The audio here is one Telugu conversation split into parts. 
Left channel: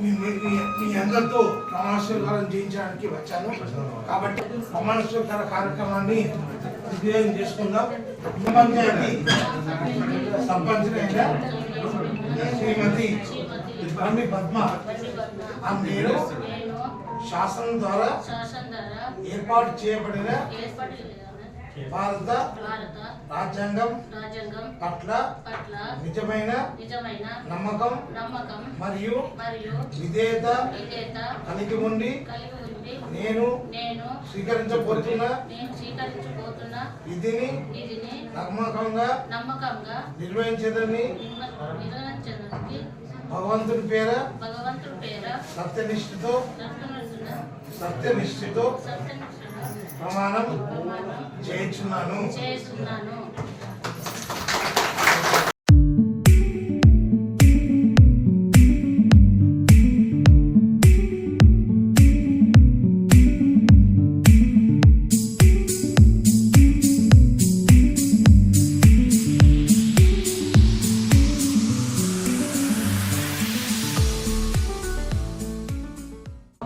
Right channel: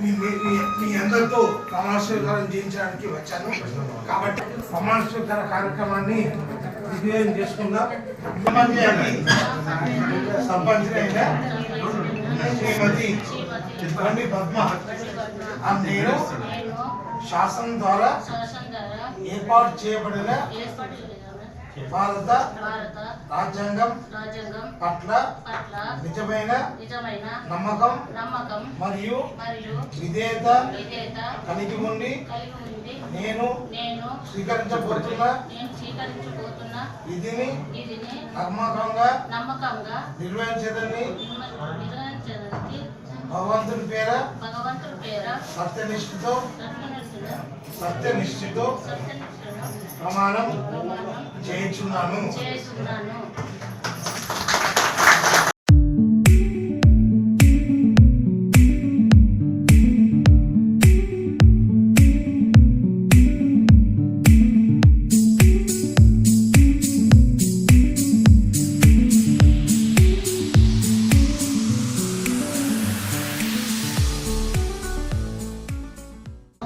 మీ అందరితో ప్రమాణ స్వీకారం చేయించడానికి వచ్చాను. కాబట్టి ప్రమాణ స్వీకార కార్యక్రమాన్ని విజయం చేసుకుందాం. సర్పంచ్ శ్రీమతి పద్మ నేను శాసనం ద్వారా ఏర్పాటు చేయబడిన భారత రాజ్యాంగం పట్ల నిజమైన నమ్మకం మరియు విధేయత కలిగి ఉండి నేను స్వీకరించబోతున్న విధిని నమ్మకంగా నిర్వహించదని భగవంతుని పేర సత్యనిష్ఠతో ప్రమాణం చేయించున్నాను.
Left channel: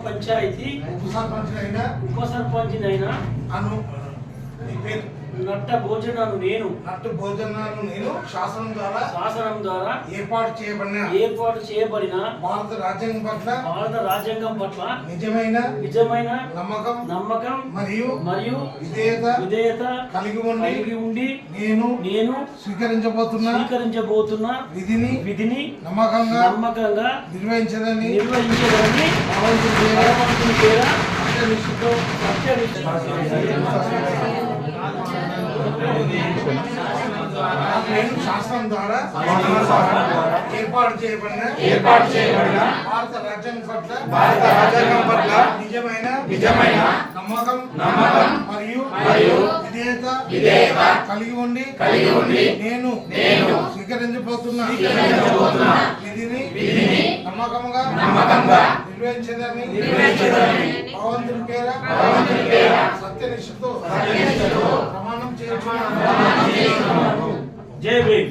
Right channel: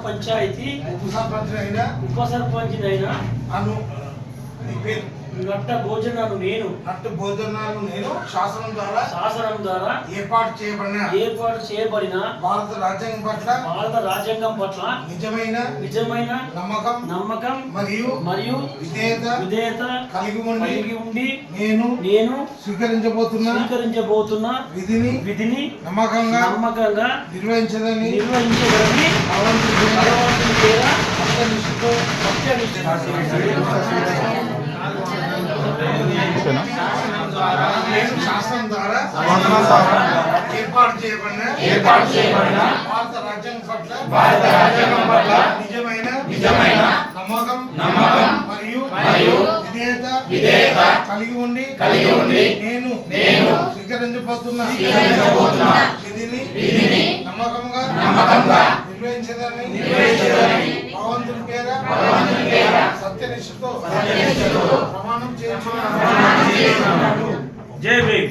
పంచాయతీ ఉప సర్పంచ్ అయినా నట్ట భోజనాలు నేను శాసనం ద్వారా ఏర్పాటు చేయబడిన భారత రాజ్యాంగం పట్ల నిజమైన నమ్మకం మరియు విధేయత కలిగి ఉండి నేను స్వీకరించబోతున్న విధిని నమ్మకంగా నిర్వహించదని భగవంతుని పేర నేను శాసనం ద్వారా ఏర్పాటు చేయబడిన భారత రాజ్యాంగం పట్ల నిజమైన నమ్మకం మరియు విధేయత కలిగి ఉండి నేను స్వీకరించబోతున్న విధిని నమ్మకంగా నిర్వహించదని భగవంతుని పేర సత్యనిష్ఠతో ప్రమాణం చేస్తున్నాను. జై భీమ్.